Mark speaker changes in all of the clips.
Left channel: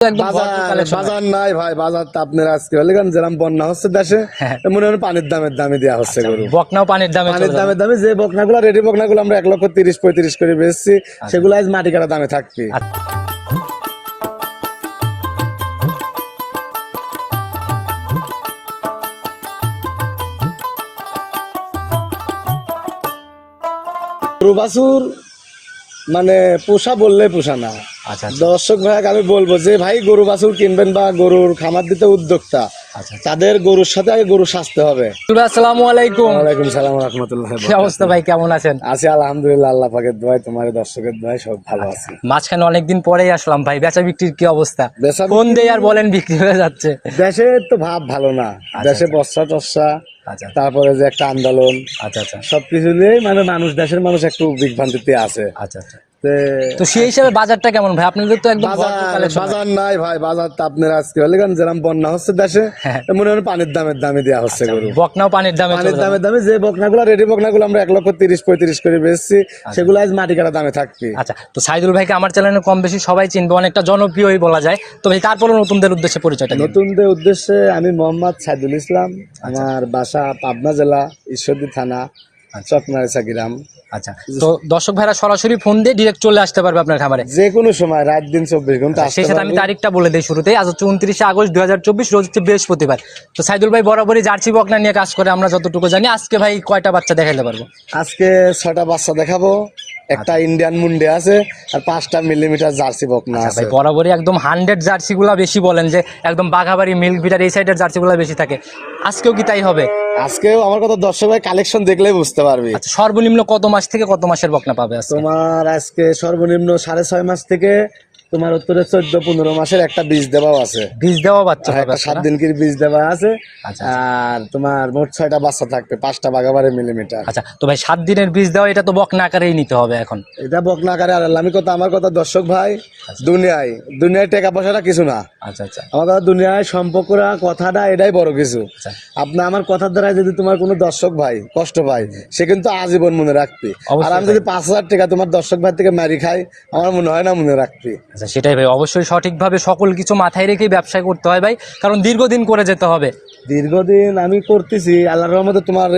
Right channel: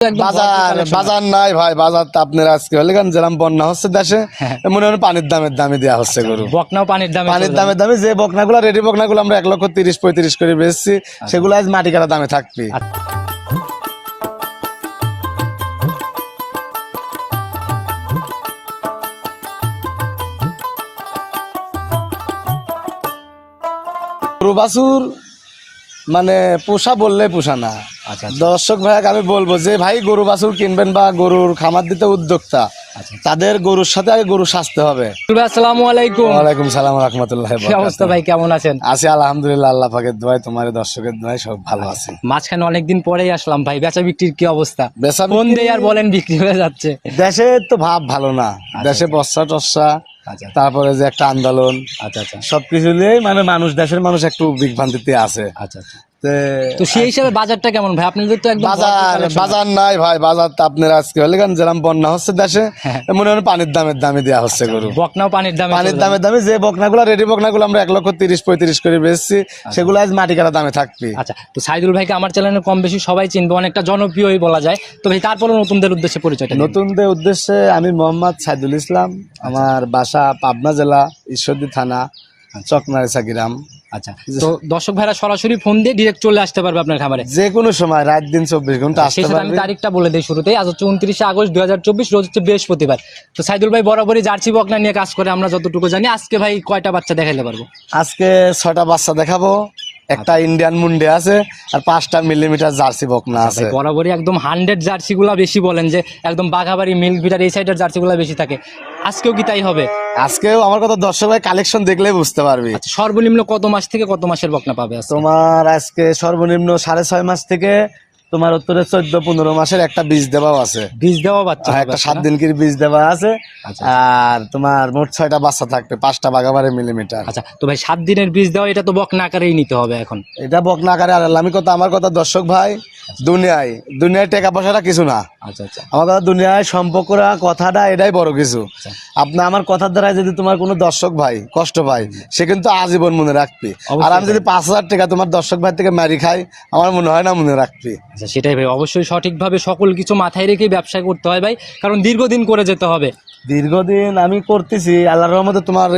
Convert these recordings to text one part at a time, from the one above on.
Speaker 1: একদম ভরপুর
Speaker 2: বাজার নাই ভাই বাজার তো আপনার আজকে হলে কেন যেরকম বন্যা হচ্ছে দেশে
Speaker 1: হ্যাঁ।
Speaker 2: মনে হয় পানির দামের দামে দেওয়া হচ্ছে গরু।
Speaker 1: বকনাও পানির দামে
Speaker 2: পানির
Speaker 1: চলে
Speaker 2: দামে দামে যে বকনাগুলো রেডি বকনাগুলো আমরা এক লক্ষ তিরিশ পঁয়ত্রিশ করে বেচছি সেগুলো আজ মাটি কাটা দামে থাকবে।
Speaker 1: আচ্ছা।
Speaker 2: মানে পোষা বললে পোষা না।
Speaker 1: আচ্ছা আচ্ছা,
Speaker 2: দর্শক ভাইকে আমি বলব যে ভাই গরু বাছুর কিনবেন বা গরুর খামার দিতে উদ্যোক্তা
Speaker 1: আচ্ছা
Speaker 2: তাদের গরুর সাথে আগে গরু সাজতে হবে।
Speaker 1: ভাই, আসসালামু আলাইকুম।
Speaker 2: ওয়ালাইকুম সালাম রহমতুল্লাহ
Speaker 1: কি অবস্থা ভাই কেমন আছেন?
Speaker 2: আছি আলহামদুলিল্লাহ আল্লাহ পাকের দোয়ায় তোমার দর্শকের দোয়ায় সব ভালো আছে।
Speaker 1: মাঝখানে অনেকদিন পরেই আসলাম ভাই বেচা বিক্রির কি অবস্থা?
Speaker 2: বেচা
Speaker 1: ফোন দেই আর বলেন বিক্রি হয়ে যাচ্ছে।
Speaker 2: দেশে তো ভাব ভালো না। দেশে বর্ষা টর্ষা
Speaker 1: আচ্ছা।
Speaker 2: তারপরে যে একটা আন্দোলন
Speaker 1: আচ্ছা আচ্ছা।
Speaker 2: সবকিছু নিয়ে মানে মানুষ দেশের মানুষ একটু বিভ্রান্তিতে আছে।
Speaker 1: আচ্ছা আচ্ছা।
Speaker 2: তে
Speaker 1: তো সেই হিসাবে বাজারটা কেমন ভাই? আপনাদের তো একদম
Speaker 2: বাজার বাজার নাই ভাই বাজার তো আপনার আজকে হলে কেন যেরকম বন্যা হচ্ছে দেশে
Speaker 1: হ্যাঁ।
Speaker 2: মনে হয় পানির দামের দামে দেওয়া হচ্ছে গরু।
Speaker 1: বকনাও পানির দামে
Speaker 2: পানির দামে দামে যে বকনাগুলো রেডি বকনাগুলো আমরা এক লক্ষ তিরিশ পঁয়ত্রিশ করে বেচছি সেগুলো আজ মাটি কাটা দামে থাকবে।
Speaker 1: আচ্ছা তো সাইদুল ভাইকে আমার চ্যানেলে কম বেশি সবাই চিনবে অনেকটা জনপ্রিয়ই বলা যায়। তো ভাই তারপরে নতুনদের উদ্দেশ্যে পরিচয়টা
Speaker 2: নতুনদের উদ্দেশ্যে আমি মোহাম্মদ সাইদুল ইসলাম আমার বাসা পাবনা জেলা ঈশ্বরদী থানা চকমারিসা গ্রাম।
Speaker 1: আচ্ছা তো দর্শক ভাইরা সরাসরি ফোন দিয়ে ডিরেক্ট চলে আসতে পারবে আপনার খামারে।
Speaker 2: যে কোনো সময় রাত দিন চব্বিশ ঘণ্টা
Speaker 1: সেই সাথে আমি তারিখটা বলে দিই শুরুতেই। আজ হচ্ছে উনত্রিশে আগস্ট দু চব্বিশ রোজ হচ্ছে বৃহস্পতিবার। তো সাইদুল ভাই বরাবরই জার্সি বকনা নিয়ে কাজ করে আমরা যতটুকু জানি আজকে ভাই কয়টা বাচ্চা দেখাইতে পারব?
Speaker 2: আজকে ছটা বাচ্চা দেখাবো। একটা ইন্ডিয়ান মুন্ডে আছে আর পাঁচটা মিলিমিটার জার্সি বকনা
Speaker 1: আচ্ছা
Speaker 2: আছে।
Speaker 1: বরাবরই একদম হান্ড্রেড জার্সি গুলা বেশি বলেন যে একদম বাঘাবাড়ি মিল্ক ভিটার এই সাইডের জার্সি গুলা বেশি থাকে। আজকেও কি তাই হবে?
Speaker 2: আজকেও আমার কথা দর্শক ভাই কালেকশন দেখলেই বুঝতে পারবি।
Speaker 1: আচ্ছা সর্বনিম্ন কত মাস থেকে কত মাসের বকনা পাবে
Speaker 2: তোমার আজকে সর্বনিম্ন সাড়ে ছয় মাস থেকে তোমার উত্তরে চোদ্দ পনেরো মাসের একটা বীজ দেওয়াও আছে।
Speaker 1: বীজ দেওয়া বাচ্চা
Speaker 2: আর একটা সাত দিন কি বীজ দেওয়া আছে।
Speaker 1: আচ্ছা
Speaker 2: আর তোমার মোট ছয়টা বাচ্চা থাকবে পাঁচটা বাগাবারে মিলিমিটার।
Speaker 1: আচ্ছা তো ভাই সাত দিনের বীজ দেওয়া এটা তো বকনা আকারেই নিতে হবে এখন।
Speaker 2: এটা বকনা আকারে আর আমি কথা আমার কথা দর্শক ভাই দুনিয়ায় দুনিয়ায় টাকা পয়সাটা কিছু না।
Speaker 1: আচ্ছা আচ্ছা।
Speaker 2: আমার কথা দুনিয়ায় সম্পর্করা কথাটা এটাই বড় কিছু।
Speaker 1: আচ্ছা।
Speaker 2: আপনি আমার কথার দ্বারা যদি তোমার কোনো দর্শক ভাই কষ্ট পায় সে কিন্তু আজীবন মনে রাখবে। আর আমি যদি পাঁচ হাজার টাকা তোমার দর্শক ভাই থেকে মারি খাই আমার মনে হয় না মনে রাখবে।
Speaker 1: আচ্ছা সেটাই ভাই। অবশ্যই সঠিকভাবে সকল কিছু মাথায় রেখেই ব্যবসা করতে হয় ভাই কারণ দীর্ঘদিন করে যেতে হবে।
Speaker 2: দীর্ঘদিন আমি করতেছি আল্লাহর রহমতে তোমার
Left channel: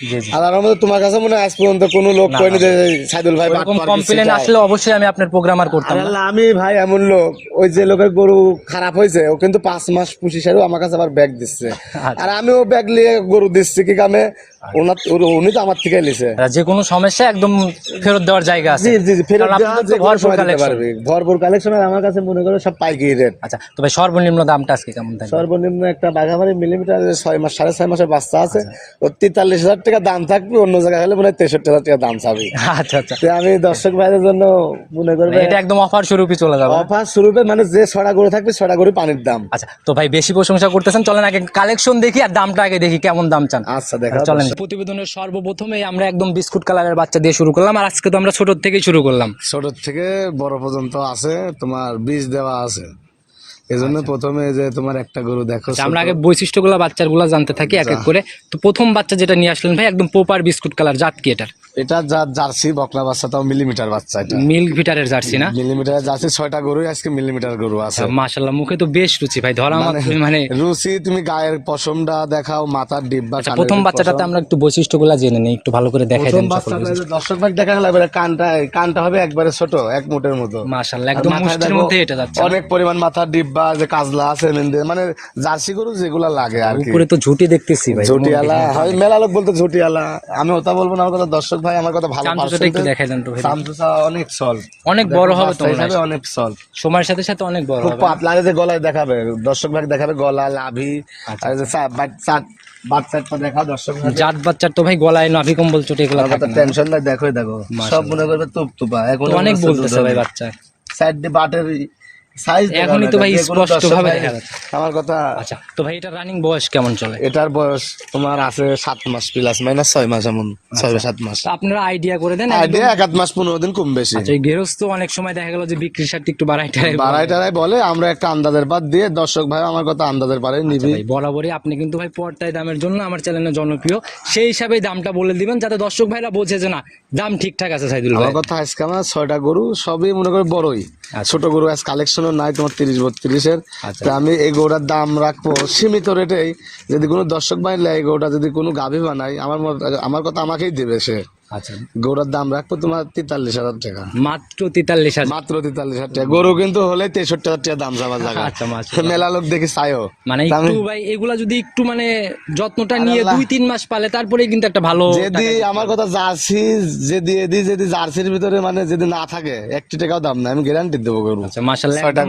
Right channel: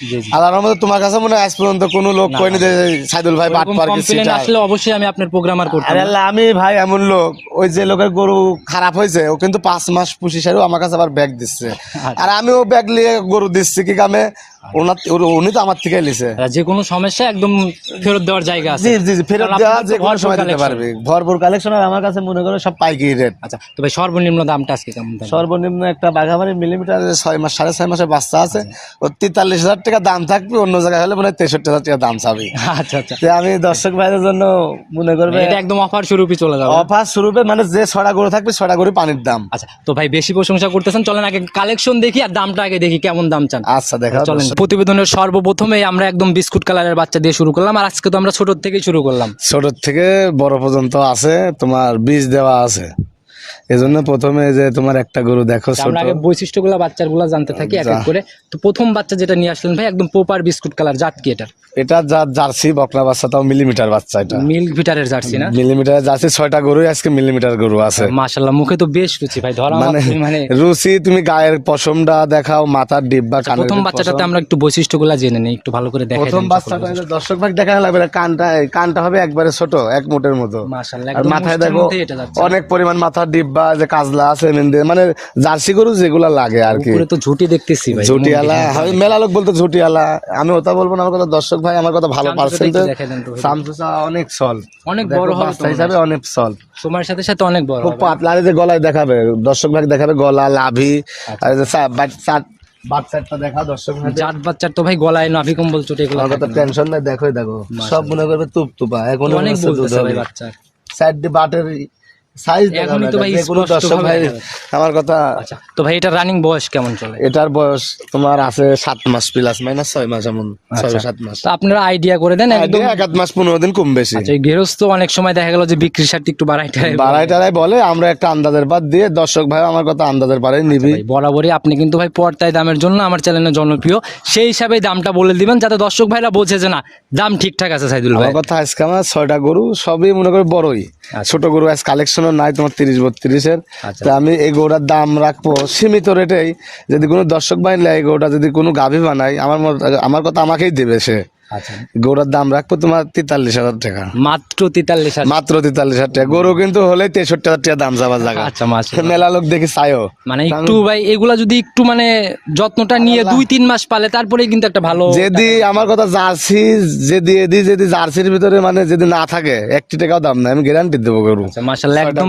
Speaker 1: জি জি।
Speaker 2: আল্লাহর রহমতে তোমার কাছে মনে হয় আজ পর্যন্ত কোনো লোক
Speaker 1: না,
Speaker 2: কয়নি যে সাইদুল ভাই
Speaker 1: কমপ্লেন আসলে অবশ্যই আমি আপনার প্রোগ্রাম আর করতাম
Speaker 2: আল্লাহ, আমি ভাই এমন লোক ওই যে লোকের গরু খারাপ হয়েছে ও কিন্তু পাঁচ মাস পুষি সারিও আমার কাছে আবার ব্যাগ দিচ্ছে।
Speaker 1: আচ্ছা।
Speaker 2: আর আমিও ব্যাগ নিয়ে গরু দিচ্ছি কি কামে? ওনার উনি তো আমার থেকে লিছে
Speaker 1: যে কোনো সমস্যা একদম ফেরত দেওয়ার জায়গা আছে।
Speaker 2: জি জি জি ফেরত
Speaker 1: কারণ
Speaker 2: দেওয়া
Speaker 1: আপনাদের
Speaker 2: যে
Speaker 1: তো
Speaker 2: কোনো
Speaker 1: ভরপুর
Speaker 2: সময় দিতে
Speaker 1: collection।
Speaker 2: পারবে। ভরপুর কালেকশন আমার কাছে মনে করো সব পাইকারি রেট
Speaker 1: আচ্ছা তো সর্বনিম্ন দামটা আজকে কেমন থাকবে
Speaker 2: সর্বনিম্ন একটা বাঘাবাড়ি মিলিমিটার ছয় মাস সাড়ে ছয় মাসের বাচ্চা আছে। ও তেতাল্লিশ হাজার টাকা দাম থাকবে অন্য জায়গায় হলে মনে হয় তেষট্টি হাজার টাকা দাম চাবে।
Speaker 1: আচ্ছা আচ্ছা।
Speaker 2: আমি দর্শক ভাইদের জন্য মনে করবে
Speaker 1: এটা একদম অফার স্বরূপই চলে যাবে।
Speaker 2: অফার স্বরূপে মানে যে ছড়া গরু থাকবে ছড়া গরু পানির দাম।
Speaker 1: আচ্ছা তো ভাই বেশি প্রশংসা করতেছেন চলেন আগে কালেকশন দেখি আর দামটা আগে দেখি কেমন দাম চান?
Speaker 2: আচ্ছা দেখা
Speaker 1: চলেন প্রতিবেদনের সর্বপ্রথমে আমরা একদম বিস্কুট কালারের বাচ্চা দিয়ে শুরু করলাম, আর আজকে তো আমরা ছোট থেকেই শুরু করলাম।
Speaker 2: ছোট থেকে বড় পর্যন্ত আছে, তোমার বীজ দেওয়া আছে। এজন্য প্রথমে যে তোমার একটা গরু দেখো
Speaker 1: আমরা আগে বৈশিষ্ট্যগুলো বাচ্চাগুলো জানতে থাকি এক এক করে। তো প্রথম বাচ্চা যেটা নিয়ে আসলেন ভাই একদম পোপার বিস্কুট কালার জাত কি এটার?
Speaker 2: এটা যা জার্সি বাচ্চা তাও মিলিমিটার বাচ্চা এটা।
Speaker 1: মিল্ক ভিটারের জার্সি না?
Speaker 2: মিলিমিটার জার্সি ছয়টা গরু আজকে মিলিমিটার গরু আছে।
Speaker 1: মাশাল্লাহ মুখে তো বেশ রুচি ভাই ধরা মানে
Speaker 2: রুচি তুমি গায়ের পশমটা দেখাও মাথার ডিব্বা কানের
Speaker 1: প্রথম বাচ্চাটাতে আমরা একটু বৈশিষ্ট্যগুলো জেনে নিই একটু ভালো করে দেখাই
Speaker 2: প্রথম বাচ্চাটা দর্শক ভাগ দেখা লাগবে কানটা কানটা হবে একবারে ছোট এক মুটের মতো।
Speaker 1: মাশাল্লাহ
Speaker 2: আর
Speaker 1: একদম
Speaker 2: মাথায় দেখো
Speaker 1: মধ্যে এটা যাচ্ছে।
Speaker 2: অনেক পরিমাণ মাথার ডিব্বা যে কাজলা আছে মানে জার্সি গরু যেগুলা লাগে আর কি।
Speaker 1: উপরে তো ঝুটি দেখতেছি ভাই
Speaker 2: ঝুটিয়ালা হয় মেলা লোক বলতো ঝুটিয়ালা আমি ওটা বলব না আমার কথা দর্শক ভাই আমার কথা ভালো পার্সেন্ট
Speaker 1: দেখাই তো
Speaker 2: সামসুসা অনেক সল।
Speaker 1: অনেক বড় হবে তো
Speaker 2: হিসাবে অনেক সল।
Speaker 1: সময়ের সাথে সাথে অনেক বড় হবে।
Speaker 2: পাতলা যে গলায় দেখাবে দর্শক ভাই দেখাবে গলা লাভি
Speaker 1: আচ্ছা।
Speaker 2: আর যে সা- চাট- বাট দেখা দর্শক ভাই
Speaker 1: জাত বাচ্চার তো ভাই গলায় নাভি কম্বল চোটে এগুলো
Speaker 2: কথা টেনশন নাই দেখো দেখো। সব মনে করবে তুপ তুপা এখন
Speaker 1: অনেক বলতেছে ভাই বাচ্চা।
Speaker 2: সাইড দিয়ে বাটের সাইজ
Speaker 1: এখনই তো ভাই স্পষ্টভাবে দেখা যাচ্ছে।
Speaker 2: আমার কথা
Speaker 1: আচ্ছা তো ভাই এটা রানিং বয়স কেমন চলে?
Speaker 2: এটার বয়স তোমার আছে সাত মাস প্লাস মাইনাস ছয় মাস এমন ছয় সাত মাস।
Speaker 1: আপনারা আইডিয়া করে দেন
Speaker 2: আইডিয়া এক আধ মাস পনেরো দিন কম বেশি।
Speaker 1: আচ্ছা গৃহস্থ অনেক সময় দেখা গেল যে বিক্রির সাথে একটু বাড়াই টাড়াই
Speaker 2: বাড়াই টাড়াই বলে আমরা একটা আন্দাজের বাদ দিয়ে দর্শক ভাই আমার কথা আন্দাজের পারে নিবি।
Speaker 1: বরাবরই আপনি কিন্তু ভাই পর্তায় দামের জন্য আমার চ্যানেলে জনপ্রিয়। সেই হিসাবে দামটা বলে দিবেন যাতে দর্শক ভাইরা বোঝে যে না দাম ঠিকঠাক আছে সাইদুল ভাই।
Speaker 2: আমার কথা আজকে আমার ছয়টা গরু সবই মনে করে বড়ই।
Speaker 1: আচ্ছা।
Speaker 2: ছোট গরু আজ কালেকশন কালেকশনও নাই তোমার তিরিশ বত্রিশের।
Speaker 1: আচ্ছা।
Speaker 2: তা আমি এই গৌড়ার দাম রাখব সীমিত রেটেই। যদি কোনো দর্শক বাহিনী নেয় গৌড়া যদি কোনো গাভী বানায় আমার মত- আমার কথা আমাকেই দেবে সে।
Speaker 1: আচ্ছা
Speaker 2: গৌড়ার দাম রাখব তোমার তেতাল্লিশ হাজার টাকা।
Speaker 1: মাত্র তেতাল্লিশ হাজার।
Speaker 2: মাত্র তেতাল্লিশ হাজার টাকা। গরু কিন্তু হলে তেষট্টি হাজার টাকা দাম যাবার জায়গা।
Speaker 1: আচ্ছা।
Speaker 2: মেলা লোক দেখি চাইও
Speaker 1: মানে একটু ভাই এগুলা যদি একটু মানে যত্নটা নিয়ে দুই তিন মাস পালে তারপরে কিন্তু একটা ভালো
Speaker 2: যদি আমার কথা জার্সি যদি এদি যদি জার্সির ভিতরে মানে যদি না থাকে একটি টাকাও দাম নাই। আমি গ্যারান্টি দেবো গরু।
Speaker 1: আচ্ছা মাশাআল্লাহ একদম।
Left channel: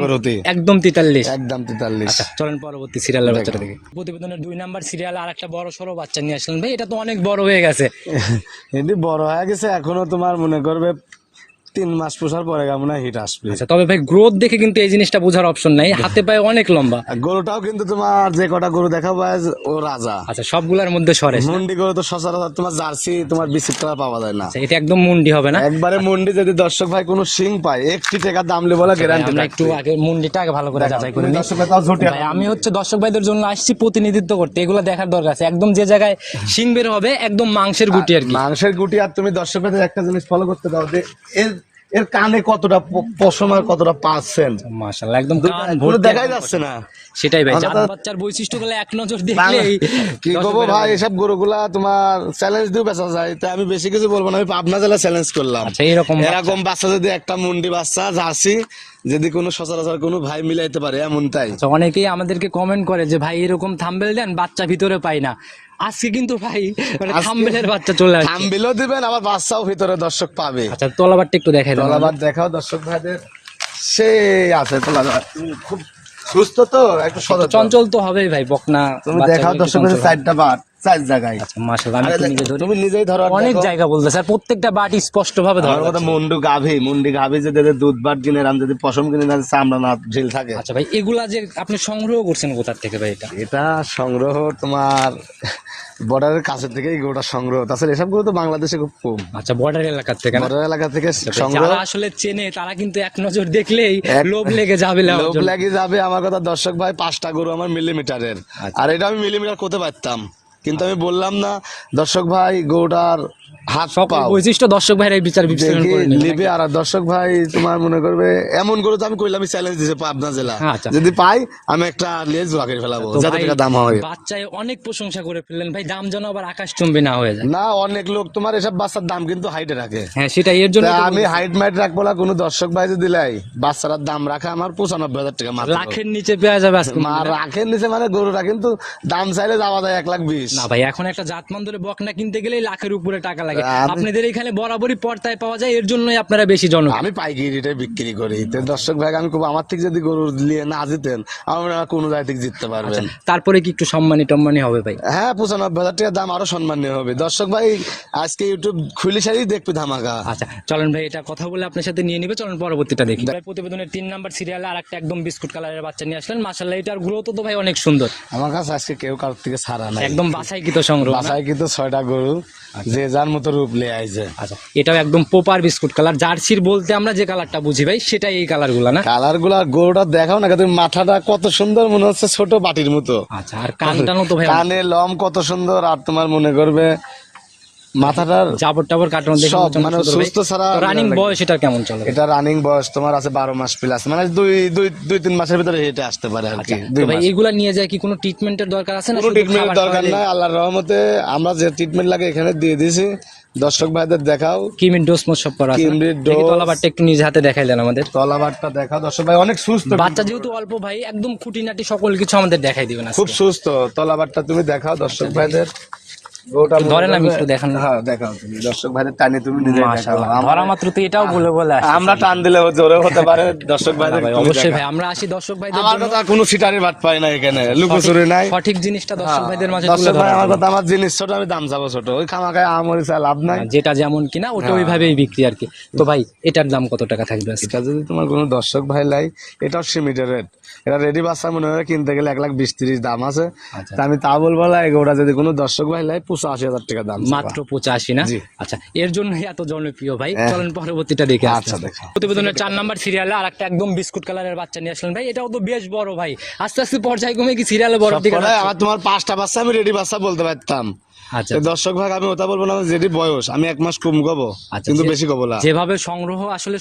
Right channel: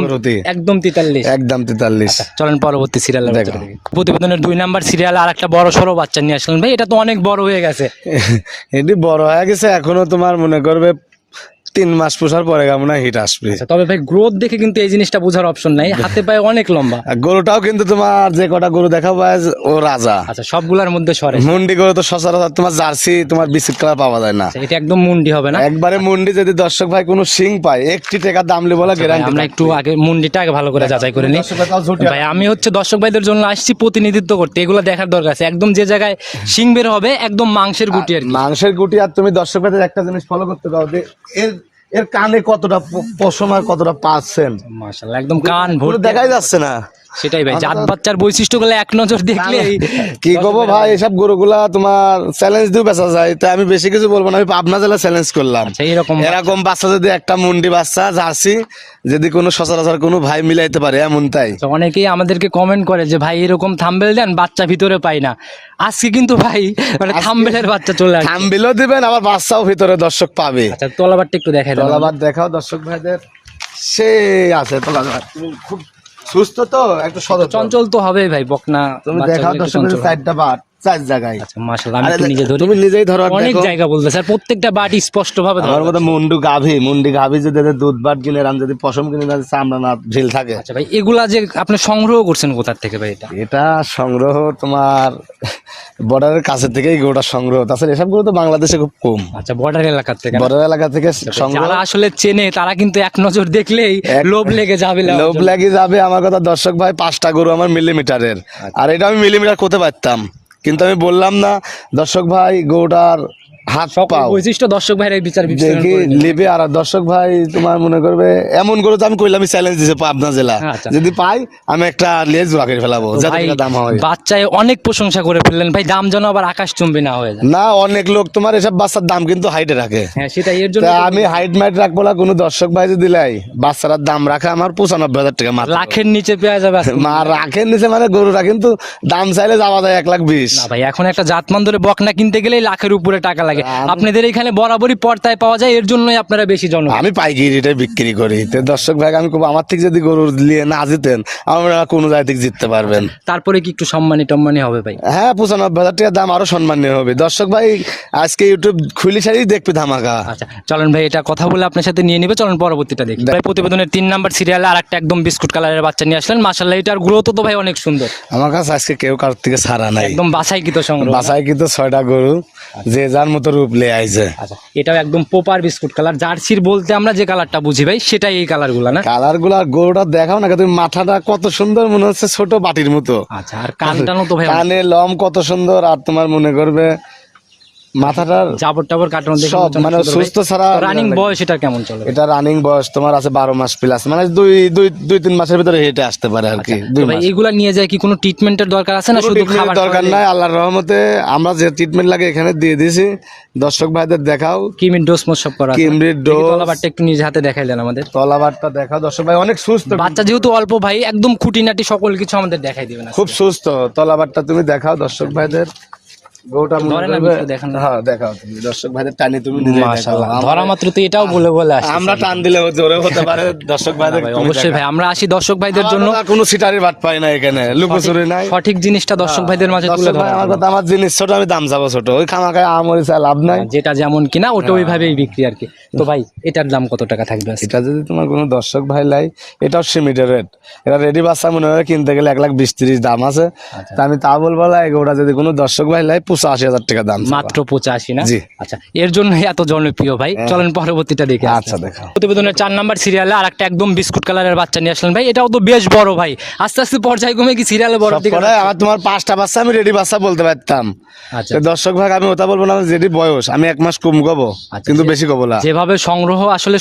Speaker 1: একদম তেতাল্লিশ।
Speaker 2: একদম তেতাল্লিশ।
Speaker 1: আচ্ছা চলেন পরবর্তী সিরিয়ালের দেখি। প্রতিবেদনের দুই নাম্বার সিরিয়াল আর একটা বড় সড়ো বাচ্চা নিয়ে আসলেন। ভাই এটা তো অনেক বড় হয়ে গেছে।
Speaker 2: এটি বড় হয়ে গেছে এখনও তোমার মনে করবে তিন মাস পোষার পরে কেমন হিট আসবে।
Speaker 1: আচ্ছা তবে ভাই গ্রোথ দেখে কিন্তু এই জিনিসটা বোঝার অপশন নাই। হাতে পায়ে অনেক লম্বা।
Speaker 2: গরুটাও কিন্তু তোমার যে কটা গরু দেখা আজ ও রাজা।
Speaker 1: আচ্ছা সবগুলোর মধ্যে সরে
Speaker 2: মুন্ডি গরু তো সচরাচর তোমার জার্সি তোমার বিস্কুট কালার পাওয়া যায় না।
Speaker 1: আচ্ছা, এটা একদম মুন্ডি হবে না?
Speaker 2: একবারে মুন্ডি যদি দর্শক ভাই কোনো সিং পায় একটি টাকা দাম লি বলা গ্যারান্টি
Speaker 1: আমরা একটু আগে মুন্ডিটা আগে ভালো করে যাচাই করে নিই।
Speaker 2: ভাই
Speaker 1: আমি হচ্ছে দর্শক ভাইদের জন্য আসছি প্রতিনিধিত্ব করতে। এগুলো দেখার দরকার আছে। একদম যে জায়গায় শিং বের হবে একদম মাংসের গুটি আর
Speaker 2: মাংসের গুটি আর তুমি দর্শক ভাইদের একটা জিনিস ফলো করতে পারো যে এর এর কানে কতটা পশম আর কতটা পার্সেন্ট?
Speaker 1: মাশাআল্লাহ একদম কান ভর্তি
Speaker 2: দেখাই যাচ্ছে না।
Speaker 1: সেটাই ভাই জাত বাচ্চার বৈশিষ্ট্যগুলো এক নজর দেখলেই
Speaker 2: কি করব ভাই? এসব গরুগুলা তোমার চ্যালেঞ্জ দিয়ে বেচা যায় তাই আমি বেশি কিছু বলব না আমি পাবনা জেলা চ্যালেঞ্জ করলাম।
Speaker 1: আচ্ছা এরকম
Speaker 2: এরকম বাচ্চা যদি একটা মুন্ডি বাচ্চা জার্সি যদি কোনো সচরাচর কোনো ভাই মিলাইতে পারে এমন তাই
Speaker 1: আচ্ছা, অনেকেই আমাদেরকে কমেন্ট করে যে ভাই এরকম থাম্বেল দেন বাচ্চা ভিতরে পাই না। আজকে কিন্তু ভাই মানে থাম্বেলের বাচ্চা চলে আসছে।
Speaker 2: থাম্বেলও দিবেন আবার বাচ্চাও ভিতরে দর্শক পাবে।
Speaker 1: আচ্ছা তলাবারটা একটু দেখাই দাও।
Speaker 2: আবার দেখাও দর্শক ভাইদের। সে আছে তোলাবার। খুব সুস্থ তো একটু সদ
Speaker 1: চঞ্চল তো হবেই ভাই বকনা
Speaker 2: তুমি দেখাও দর্শক
Speaker 1: ভাইদের
Speaker 2: চারটা বাট চার জায়গায়।
Speaker 1: আচ্ছা মাশাআল্লাহ আমি নিজে ধরি।
Speaker 2: তুমি নিজেই ধরো
Speaker 1: অনেক জায়গা বলতেছে আর প্রত্যেকটা বাটি স্পষ্ট ভাবে ধরা
Speaker 2: আমার মতো মুন্ডু গাভী মুন্ডি গাভী যদি দুধ বাট কিনে আমি যদি পশম কিনে না চামড়া না ঢিল থাকে।
Speaker 1: আচ্ছা ভাই এগুলা যে আপনি সংগ্রহ করছেন কোথা থেকে ভাই এটা?
Speaker 2: এটা সংগ্রহ তোমার বর্ডারের কাছে থেকেই গোটা সংগ্রহ। তাছাড়া এসব গরু তো বাংলাদেশে খুব কম।
Speaker 1: আচ্ছা বর্ডার এলাকা থেকে
Speaker 2: বর্ডার এলাকা থেকে সংগ্রহ।
Speaker 1: আসলে চেনে তারা কিন্তু এক নজর দেখলেই লোভ লেগে যাবে
Speaker 2: লোভ। লাগে যাবে। আমার কথা দর্শক ভাই পাঁচটা গরু আমার মিলিমিটারের
Speaker 1: আচ্ছা।
Speaker 2: আর এটা আমি মিলিমিটার করতে পারতাম। কিন্তু আমি বললাম না দর্শক ভাই গরুটার হাত
Speaker 1: সব
Speaker 2: পাও।
Speaker 1: বৈশিষ্ট্য দর্শক ভাইরা এই বিচার বিশ্লেষণ
Speaker 2: দেখি
Speaker 1: করে নেবে।
Speaker 2: লিবে আর দর্শক ভাই তোমার মনে করবে এমন করে তো আমি কইলাম আমি চ্যালেঞ্জ দিছে পাবনা জেলা।
Speaker 1: আচ্ছা।
Speaker 2: যদি পাই আমি একটা লেজ জোড়া ফেলাবো। যত টাকা দাম হয়।
Speaker 1: বাচ্চায় অনেক প্রশংসা করে ফেললেন। ভাই দাম যেন আবার আকাশ চুম্বি না হয়ে যায়।
Speaker 2: না অনেক লোক তোমার এসব বাচ্চার দাম কিন্তু হাইটে রাখে।
Speaker 1: হ্যাঁ সেটাই এর জন্য
Speaker 2: আমি হাইট মাইট রাখব না কোনো দর্শক ভাই যদি লাই বাচ্চারার দাম রাখা আমার পঁচানব্বই হাজার টাকা
Speaker 1: লাখের নিচে পেয়ে যাবে।
Speaker 2: মা রাখেন নিচে মানে গরুটা কিন্তু দাম চাইলে যাওয়া যায় এক লাখ বিশ।
Speaker 1: না ভাই এখন একটা জাতমান ধরে বকনা কিনতে গেলেই লাখের উপরে টাকা লাগে।
Speaker 2: আমি-
Speaker 1: আপনাদের এখানে বরাবরই পর্দায় পাওয়া যায় এর জন্যই আপনারা বেশি জন
Speaker 2: আমি পাইকারি রেটে বিক্রি করি। তো দর্শক ভাই আমি খুব আমার থেকে যদি গরু নিয়ে না জিতেন আমরা কোনো জায়গা থেকে জিততে পারবেন।
Speaker 1: তারপরে কি একটু সম্মানী টম্মানি হবে ভাই?
Speaker 2: হ্যাঁ পঁচানব্বই হাজার টাকার দাম আরও সম্মানীয় হবে। দর্শক ভাই আজকে ইউটিউব খুলি সারি দেখবে ধামাকা।
Speaker 1: আচ্ছা চলেন ভাই এটা কথা বলে আপনার সাথে নিয়ে নিবে। চলেন পরবর্তীটা দেখি। ভাই প্রতিবেদনের তিন নাম্বার সিরিয়ালে আর একটা একদম বিস্কুট কালারের বাচ্চা নিয়ে আসলেন। মাসাল্লাহ এটার গ্রোথ তো ভাই অনেক সুন্দর।
Speaker 2: আমার কাছে আজকে কেউ কারোর থেকে ছাড়া নাই।
Speaker 1: একদম বাছাই কিতো সংগ্রহ না?
Speaker 2: বাসায় কিন্তু ছয়টা গরু। যে যার মতো রূপ লে আইছে।
Speaker 1: আচ্ছা এটাও একদম পোপার বিস্কুট কালার জার্সির বলতে আমরা যে কালারটা বুঝি ভাই সেটাই এই কালারগুলা না?
Speaker 2: কালারগুলা গরুটা দেখাও না তুমি মাথাটা কত সুন্দর মনে হচ্ছে ছোট বাটির মতো।
Speaker 1: আচ্ছা আর কানটানো তো ভাই
Speaker 2: কানে লম কত সুন্দর আর তোমার মনে করবে মাথাটার
Speaker 1: জাবর টাবর কাটানো দেখে
Speaker 2: সব মানে সুস্থ ছাড়া
Speaker 1: রানিং বয়স এটা কেমন চলে
Speaker 2: এটা রানিং বয়স তোমার আছে বারো মাস প্লাস মানে দুই দুই দুই তিন মাসের ভিতরে হেঁটে আসতে পারে আর কি
Speaker 1: তো ভাই এগুলা নিয়ে যায় কি কোনো ট্রিটমেন্টের দরকার আছে না শুধু খাবার
Speaker 2: দরকার নাই আল্লাহর রহমতে আমরা যে ট্রিটমেন্ট লাগে এখানে দিয়ে দিয়েছি দর্শক ভাইদের দেখাও।
Speaker 1: কিমির ডোজ মোজ সব করা?
Speaker 2: কিমরির ডোজ।
Speaker 1: তলাবারটা একটু নিজে হাতে দেখাইলেন আমাদের।
Speaker 2: তলাবারটা দেখাও। দর্শক ভাই অনেক সুস্থ।
Speaker 1: বাচ্চা যেহেতু অল্প ভাই একদম খুঁটিনাটি সকল কিছু আমাদের দেখাই দিবেন
Speaker 2: খুব সুস্থ। তলাবারটা তুমি দেখাও দর্শক ভাইদের। গরুটা
Speaker 1: ধরেন আমি একটু দেখান।
Speaker 2: হ্যাঁ দেখাও তুমি দর্শক ভাইদের টানে তুমি নিজে দেখাও
Speaker 1: ধরা মাত্র তো এটাও বলে বলে
Speaker 2: আমরা টান দিলে জোরে হতে পারে দর্শক ভাইদের
Speaker 1: অবশ্যই ভাই আমরা আসি দর্শক ভাইদের জন্য।
Speaker 2: কোনো সিটারি বাট পাই না এখানে লুকোচুরি নাই।
Speaker 1: সঠিক জিনিসটা দর্শক ভাইদের মাঝে
Speaker 2: দর্শক ভাই আমার কথা আমার জিনিস ছোট আমি দাম যাব ছোট। ওই খামাখায় আমরি চা লাভ নাই।
Speaker 1: যেটা যেমন কিনা ওটা ওইভাবেই বিক্রি আর কি। তো ভাই এটার দাম কত টাকা থাকবে?
Speaker 2: এটা যদি তোমার কোনো দর্শক ভাই লাই এটাও সীমিত রেট এটা রেডি বাচ্চা মনে হয় কিনতে গেলে এক লাখ বিশ তিরিশ দাম আছে।
Speaker 1: আচ্ছা।
Speaker 2: তা আমি তা বলব ওটা যদি কোনো দর্শক ভাই লাই পঁচাশি হাজার টাকা দাম
Speaker 1: মাত্র পঁচাশি না? আচ্ছা এর জন্য এত জনপ্রিয় ভাই।
Speaker 2: হ্যাঁ।
Speaker 1: চলেন পরবর্তীটা দেখে
Speaker 2: আচ্ছা দেখো
Speaker 1: প্রতিবেদনের চার নাম্বার সিরিয়ালে আর একটা একদম বিস্কুট কালারের বাচ্চা নিয়ে আসলেন ভাই। এটাও তো বেশ বড় ভাই। আস্তে আস্তে পর্যায়ক্রমে কি সিরিয়ালে বড় দিকে
Speaker 2: আমার তোমার পাঁচটা বাচ্চা আমি রেডি বাচ্চা বলতে পারতাম।
Speaker 1: আচ্ছা।
Speaker 2: দর্শক ভাগ আমি ওটা বলব না যেটি বয়স আমি এক মাস কম গবো
Speaker 1: আচ্ছা,
Speaker 2: কিন্তু বেশি গবো না।
Speaker 1: যেভাবে সংগ্রহ আসলে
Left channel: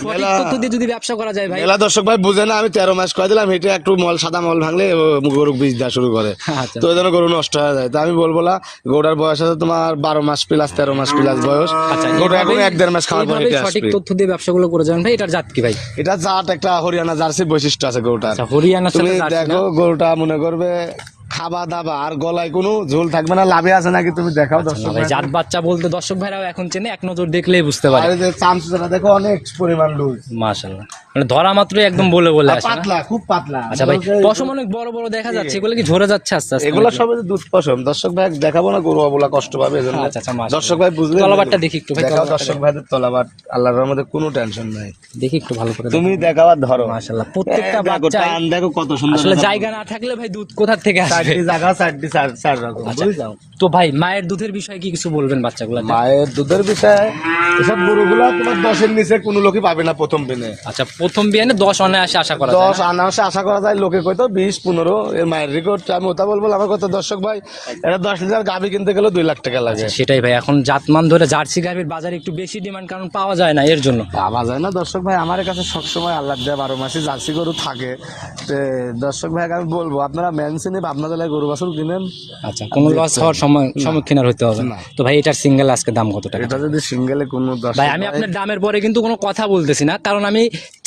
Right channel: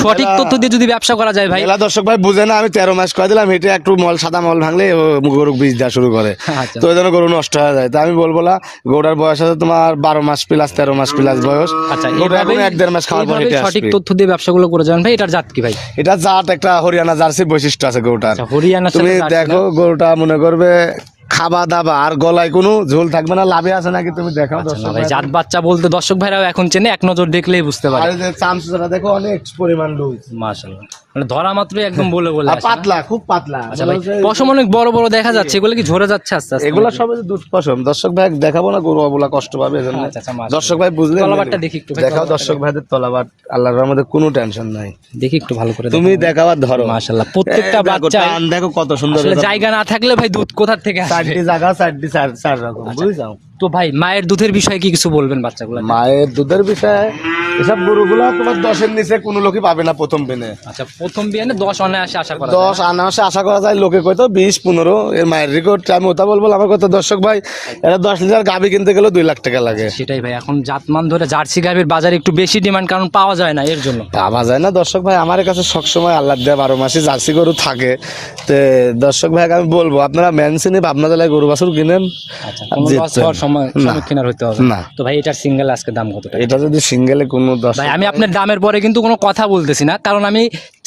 Speaker 1: সঠিক তথ্য দিয়ে যদি ব্যবসা করা যায় ভাই।
Speaker 2: দর্শক ভাই বুঝে না আমি তেরো মাস করে দিলাম এটা একটু মল সাদা মল ভাঙলে গরু বীজ দেওয়া শুরু করে।
Speaker 1: আচ্ছা।
Speaker 2: তো ওই জন্য গরু নষ্ট হয়ে যায়। তো আমি বলব না গরুটার বয়স আছে তোমার বারো মাস প্লাস তেরো মাস প্লাস বয়স।
Speaker 1: আচ্ছা
Speaker 2: গরু এখন এক দেড় মাস খাওয়ার পর
Speaker 1: সঠিক তথ্য দিয়ে ব্যবসাগুলো করে যাবেন ভাই এটার জাত কি ভাই?
Speaker 2: এটা জাত একটা হরিয়ানা জার্সি বৈশিষ্ট্য আছে গরুটার।
Speaker 1: আচ্ছা হরিয়ানার
Speaker 2: তুমি দেখো গরুটা মনে করবে খাবা দাবা আর গলায় কোনো ঝোল থাকবে না লাভে আছে নাকি তুমি দেখাও দর্শক
Speaker 1: ভাই
Speaker 2: ভাই।
Speaker 1: জাত বাচ্চা বলতে দর্শক ভাইরাও এখন চেনে এক নজর দেখলেই বুঝতে পারে।
Speaker 2: এই দেখো অনেক পরিমাণ লুজ।
Speaker 1: মাশাআল্লাহ। মানে ধরা মাত্রই একদম বলে বলে আসে
Speaker 2: পাতলা খুব পাতলা।
Speaker 1: আচ্ছা ভাই পশম অনেক বড় বড় দেখা যাচ্ছে এগুলো কি ঝরে যাচ্ছে আস্তে আস্তে
Speaker 2: এগুলো দুধ পশম। দর্শক ভাই দেখাবো না গরু কষ্ট পাবে এজন্য
Speaker 1: আচ্ছা, আচ্ছা।
Speaker 2: দর্শক ভাই বুঝলে
Speaker 1: তলাবারটা দেখি একটু
Speaker 2: দেখাও দর্শক ভাইদের তলাবার আল্লাহর রহমতে কোনো টেনশন নাই।
Speaker 1: দেখি একটু ভালো করে
Speaker 2: তুমি দেখাবার ধরো।
Speaker 1: মাশাআল্লাহ প্রত্যেকটা বাচ্চা
Speaker 2: টান দেখো কত সুন্দর
Speaker 1: আসলে জায়গা না থাকলে ভাই দুধ কোথা থেকে আসবে
Speaker 2: চারটি জায়গা চারটি চার চার রকম
Speaker 1: আচ্ছা।
Speaker 2: বুঝছ?
Speaker 1: তো ভাই মায়ের দুধের বিষয়ে কি কিছু বলবেন বাচ্চাগুলো
Speaker 2: মায়ের দুধের বিষয়ে এসব গরুগুলো তোমার দশের নিচে কোনো লোকই পাবে না প্রথম দিনে
Speaker 1: আচ্ছা প্রথম বিয়ানে দশ অনায়াসে আশা করা
Speaker 2: দশ আনাসে আশা করা যায় লোকে কয়তো বিশ পনেরো। এর মায়ের রেকর্ড আমি ওটা বলব আমার কথা দর্শক ভাই এটা দশ লিটার গাভি কিনতে গেলেও দুই লাখ টাকা লাগে।
Speaker 1: সেটাই ভাই এখন জাতমান ধরে জার্সি গাভীর বাজারে একটু বেশি ডিমান্ড কারণ পাওয়া যায় না এর জন্য।
Speaker 2: পাওয়া যায় না দর্শক ভাই আমার কাছে সবসময় আল্লাহ দেয় বারো মাসে জার্সি গরু থাকে। তো দর্শক ভাই আমি বলব আপনারা ম্যানসিনে আপনার জেলায় গরু বাছুর কিনেন।
Speaker 1: আচ্ছা কোনো লস হওয়ার সময় সম্মুখীন আর হতে হবে না। তো ভাই এটার সিঙ্গেল আজকে দাম কত
Speaker 2: এটা যদি সিঙ্গেলে কোনো দশ
Speaker 1: ভাই আমি আপনার দামের পরে কিন্তু কোনো কথা বলতেছি না কারণ আমি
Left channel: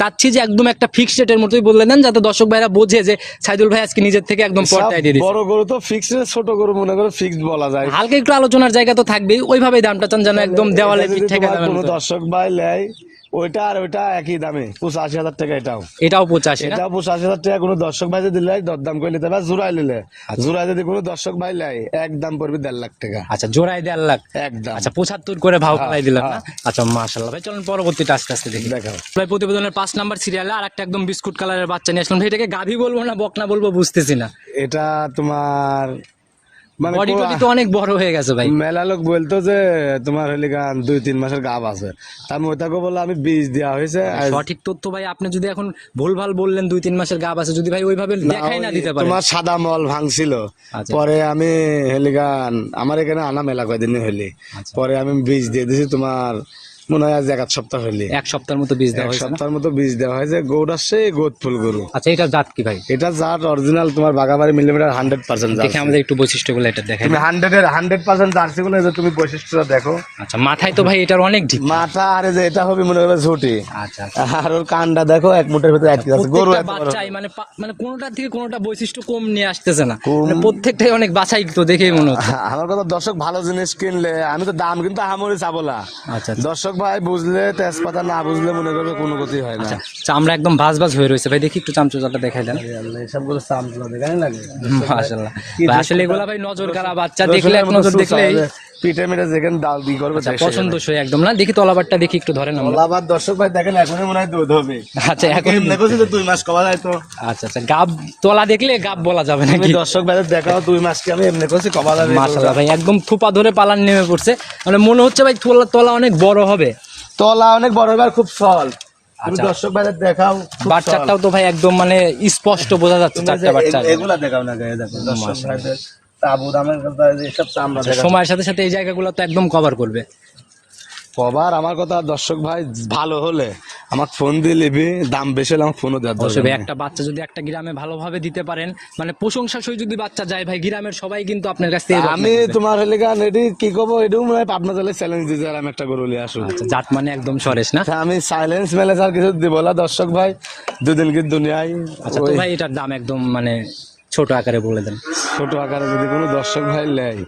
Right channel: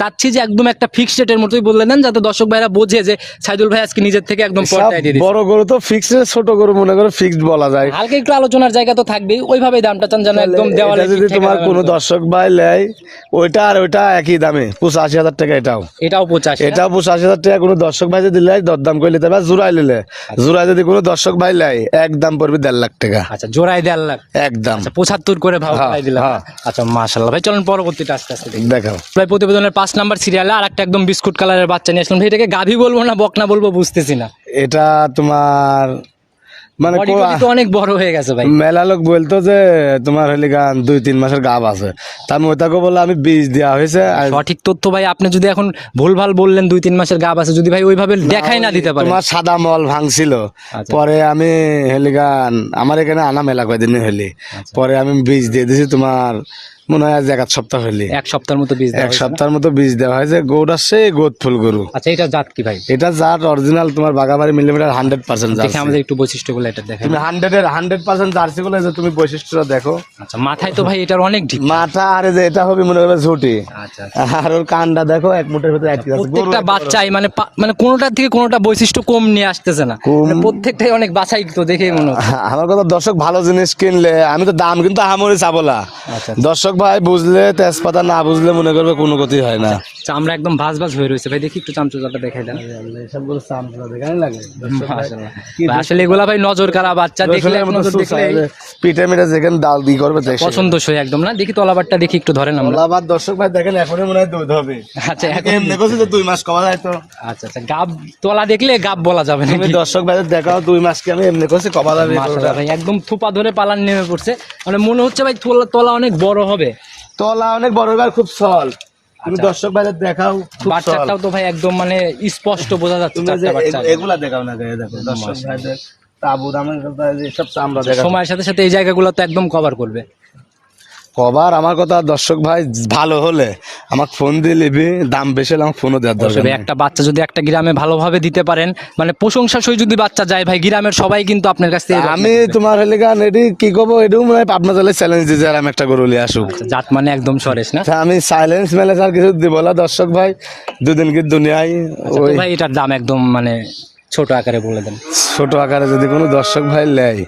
Speaker 1: চাচ্ছি যে একদম একটা ফিক্সড রেটের মতোই বলে দেন যাতে দর্শক ভাইরা বোঝে যে সাইদুল ভাই আজকে নিজের থেকে একদম পর্দায় দিয়ে
Speaker 2: বড় গরু তো ফিক্সড ছোট গরু মনে করে ফিক্সড বলা যায়।
Speaker 1: হালকা একটু আলোচনার জায়গা তো থাকবেই ওইভাবেই দামটা চান যেন একদম দেওয়ালে
Speaker 2: যদি তোমার কোনো দর্শক ভাই লেয় ওইটা আর ওইটা একই দামে পঁচাশি হাজার টাকা এটাও।
Speaker 1: এটাও পঁচাশি
Speaker 2: এটাও পঁচাশি হাজার টাকা কোনো দর্শক ভাই যদি লেয় দরদাম করে নিতে পারে জোড়াই নিলে।
Speaker 1: আচ্ছা।
Speaker 2: জোড়াই যদি কোনো দর্শক ভাই লেয় একদম পড়বে দেড় লাখ টাকা।
Speaker 1: আচ্ছা জোড়াই দেড় লাখ?
Speaker 2: একদম
Speaker 1: আচ্ছা পঁচাত্তর করে ভাও
Speaker 2: হ্যাঁ,
Speaker 1: করাই দিলাম
Speaker 2: হ্যাঁ।
Speaker 1: আচ্ছা মাশাল্লাহ ভাই চলুন পরবর্তীটা আস্তে আস্তে দেখি।
Speaker 2: দেখাও।
Speaker 1: ভাই প্রতিবেদনের পাঁচ নাম্বার সিরিয়ালে আর একটা একদম বিস্কুট কালারের বাচ্চা নিয়ে আসলাম। ভাই এটাকে গাভী বলব না বকনা বলব বুঝতেছি না।
Speaker 2: এটা তোমার মানে
Speaker 1: বডি টডি তো অনেক বড় হয়ে গেছে ভাই।
Speaker 2: মেলা লোক বলতো যে তোমার হলি গান দুই তিন মাসের গাব আছে। ওটাকে আমি বীজ দেওয়া হয়েছে
Speaker 1: সঠিক তথ্য ভাই আপনি যদি এখন ভুলভাল বললেন দুই তিন মাসের গাব আছে যদি ভাই ওইভাবে দেখাই না দিতে পারে।
Speaker 2: তোমার সাদা মল ভাঙছিল।
Speaker 1: আচ্ছা।
Speaker 2: পরে আমি হেলিগান আমার এখানে আনা মেলা কয়দিন হলি
Speaker 1: আচ্ছা।
Speaker 2: পরে আমি বীজ দিয়ে দিছি তোমার মনে হয় আজ এক সপ্তাহ হলি
Speaker 1: এক সপ্তাহের মতো বীজ
Speaker 2: এক সপ্তাহের মতো বীজ দেওয়া হয়েছে গরুটা সে গোদ ফুল গরু।
Speaker 1: আচ্ছা এটা জাত কি ভাই?
Speaker 2: এটা যার অরিজিনাল তোমার বাগাবাড়ি মিলিমিটার হান্ড্রেড পার্সেন্ট
Speaker 1: দেখে আমাদের একটু বৈশিষ্ট্যগুলো এটা দেখাই
Speaker 2: তুমি হান্ড্রেডের হান্ড্রেড পার্সেন্ট জার্সি গুলো যে তুমি বৈশিষ্ট্যটা দেখো।
Speaker 1: আচ্ছা মাথায় তো ভাই এটার অনেক ঢিপ।
Speaker 2: মাথা আর যে এটা হবে মনে করবে ঝুটি।
Speaker 1: আচ্ছা
Speaker 2: আর ওর কানটা দেখো এক মুঠের ভিতরে আটকে আছে। গরু।
Speaker 1: বাচ্চাই মানে মানে কোনোটার থেকে কোনোটা বৈশিষ্ট্য কম নিয়ে আসতেছে না। মানে প্রত্যেকটাই অনেক বাছাই তো দেখেই মনে হচ্ছে।
Speaker 2: আমার কথা দর্শক ভালো জিনিস কিনলে আমি তো দাম কিন্তু আহামরি চাবো না।
Speaker 1: আচ্ছা।
Speaker 2: দর্শক ভাই বুঝলে তেজপাতা না বুঝলে মনে করবে কোনো ক্ষতি হয় না।
Speaker 1: চামড়া একদম ভাজ ভাজ হয়ে রয়েছে। ভাই দেখি একটু চামচুচাটা দেখাই দেন।
Speaker 2: সবগুলো চামচুলা দেখাই লাগে।
Speaker 1: মাশাআল্লাহ। আসলে এগুলা ভাই নজর কারা বাচ্চা দেখলে নজর দেখলে
Speaker 2: পিঠে মিঠে যেখানে ডাল দি করবে তাই সেখানে।
Speaker 1: পছন্দসই একদম। না দেখি তলাবারটা দেখি একটু ধরেন আমরা
Speaker 2: আবার দর্শক ভাই দেখেন এখনই মনে হয় দুধ হবে।
Speaker 1: আচ্ছা এখন
Speaker 2: করছি তো দুই মাস কবা যায় তো।
Speaker 1: আচ্ছা আচ্ছা গাব তলা দেখলে গাব বলা যাবে নাকি?
Speaker 2: দর্শক ভাই দেখাও দুই মাস এমনি করছি কবা যাবে
Speaker 1: মাশাআল্লাহ ভাই একদম থুপা ধরে পালান নেমে পড়ছে। মানে মনে হচ্ছে ভাই তলা তলা অনেক বড় হবে।
Speaker 2: তলা অনেক বড় এবার খুব সল। তুমি
Speaker 1: আচ্ছা।
Speaker 2: দর্শক ভাই দেখাও
Speaker 1: বাচ্চাটাও তো ভাই একদম মানে স্পষ্ট বোঝা যাচ্ছে বাচ্চা
Speaker 2: এগুলা দেখাও না দেখো দর্শক ভাইদের তাবু দামের এসব চামড়া
Speaker 1: সময়ের সাথে সাথে এই জায়গাগুলো তো একদম কভার করবে।
Speaker 2: কবার? আমার কথা দর্শক ভাই ভালো হলে আমার ফোন দিয়ে নিবি দাম বেশি হলে আমার ফোনও দেওয়ার দরকার।
Speaker 1: একটা বাচ্চা যদি একটা গ্রামে ভালোভাবে দিতে পারেন মানে প্রশংসা সই যদি বাচ্চা যায় ভাই গ্রামের সবাই কিন্তু আপনার কাছ থেকে
Speaker 2: আমি তোমার হলে গান এটি কি করব? এটিও মানে আপনার তাহলে চ্যালেঞ্জ আর আমি একটা গরু নিয়ে আসুক
Speaker 1: আচ্ছা, জাত মানে একদম সরেস না?
Speaker 2: আমি সাইলেন্স ম্যানেজার কিছু দিব না দর্শক ভাই দুদিন কি দুনিয়ায়
Speaker 1: আচ্ছা ভাই এটার দাম একদম মানে ছোট আকারে বলে দেন।
Speaker 2: ছোট আকারে যদি কোনো দর্শক ভাই নেয়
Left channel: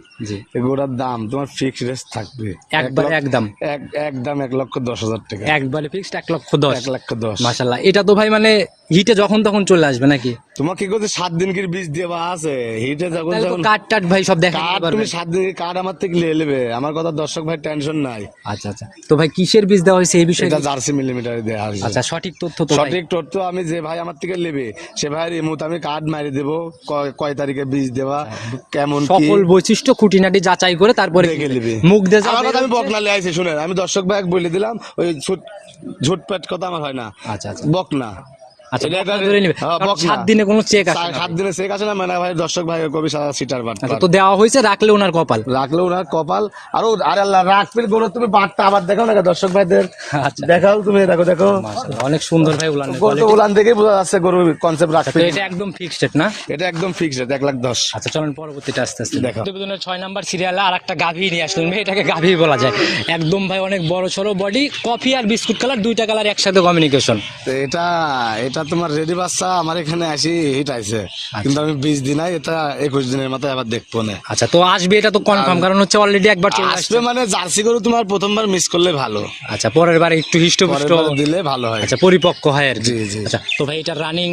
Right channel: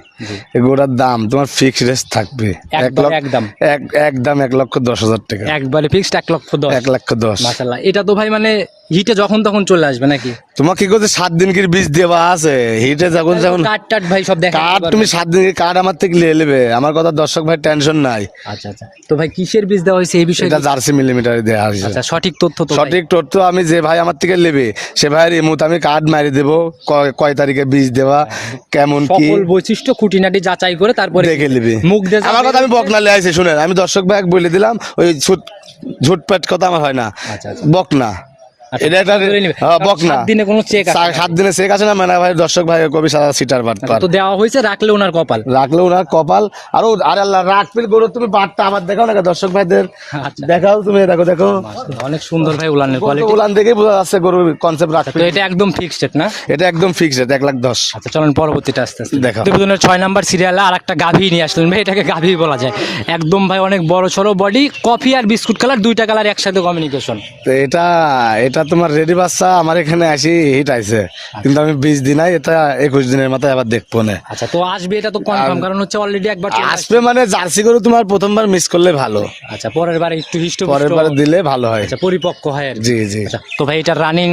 Speaker 2: এই দাম তোমার ফিক্স রেস থাকবে।
Speaker 1: একবার একদম
Speaker 2: এক একদম এক লক্ষ দশ হাজার টাকা।
Speaker 1: একবারে ফিক্সড এক লক্ষ দশ।
Speaker 2: এক লক্ষ দশ।
Speaker 1: মাশাল্লাহ এটা তো ভাই মানে হিটে যখন তখন চলে আসবে নাকি?
Speaker 2: তোমার কি করছে সাত দিন কি বীজ দেওয়া আছে? হিটে যখন যখন
Speaker 1: কাট টাট ভাই সব দেখা
Speaker 2: তুমি সাত দিন কার্ড আমার থেকে নিয়ে নেবে? আমার কথা দর্শক ভাই টেনশন নাই।
Speaker 1: আচ্ছা আচ্ছা। তো ভাই কিসের বীজ দেওয়া হয়েছে এই বিষয়ে?
Speaker 2: এটা জার্সি মিলিমিটারে দেওয়া হয়েছে।
Speaker 1: আচ্ছা সঠিক তথ্য তো
Speaker 2: সঠিক তথ্য আমি যে ভাই আমার থেকে নেবে সে ভাইয়ের ইমুত আমি কার্ড মারি দেবো। কয়- তারিখে বীজ দেওয়া কেমন কি?
Speaker 1: সকল বৈশিষ্ট্য খুঁটিনাটি যাচাই করে তারপরে
Speaker 2: দেখে নিবি।
Speaker 1: মুখ দিয়ে
Speaker 2: আমার কথা আমি বকনা লে আইছি শুনেন। আমি দর্শক ভাই বলে দিলাম ওই ঝুট ঝুটপাট কথা আমার হয় না।
Speaker 1: আচ্ছা আচ্ছা।
Speaker 2: বকনা। এটা একটা
Speaker 1: বকনা ধরে নিবে। কারণ
Speaker 2: বকনা।
Speaker 1: সাত দিনে কোনো চেক আছে
Speaker 2: সাত দিনে চেক আছে না মানে ভাই দর্শক ভাই কবি সারা সিটার বাট
Speaker 1: তো দেওয়া হয়েছে রাখলে ওনার কপাল।
Speaker 2: রাখলে ওনার কপাল। আর আর আল্লাহ রাখপির গরু তুমি বাটটা আবার দেখাও না দর্শক ভাইদের। দেখাও তুমি দেখো দেখো।
Speaker 1: অনেক সুন্দর ভাই উলানের কোয়ালিটি
Speaker 2: উলান দেখেই বোঝা যাচ্ছে গরুর কনসেপ্ট রাখবে
Speaker 1: এটা একদম ফিক্সড না?
Speaker 2: এটা একদম ফিক্সড এক লাখ দশ।
Speaker 1: আচ্ছা চলেন পরবর্তীটা আস্তে আস্তে। প্রতিবেদনের ছয় নাম্বার সিরিয়ালে আর একটা গাভী নিয়ে আসলেন ভাই এটাকে গাভী বলা যায়। একদম ভাই অনেক বড় সড়ো বডি কফি আর বিস্কুট কালার দুইটা কালার একসাথে কমিউনিকেশন
Speaker 2: তো এটা এটা তোমার রেডি বাচ্চা আমার এখানে আসি হিট আইছে। কিন্তু আমি বিশ দিন আই এটা একুশ দিনের মাথায় আবার দেখব না।
Speaker 1: আচ্ছা তো আসবে এটা তো কনফার্ম কারণ হচ্ছে অলরেডি একবার চলে
Speaker 2: আসবে মানে জার্সি গরু তোমার প্রথমবার মিস করলে ভালো।
Speaker 1: আচ্ছা পরের বার একটু হিষ্ট
Speaker 2: পরের বার দিলে ভালো হয়।
Speaker 1: আচ্ছা পরিপক্ক হয় আর
Speaker 2: জি জি।
Speaker 1: আচ্ছা তো ভাই এটা রানিং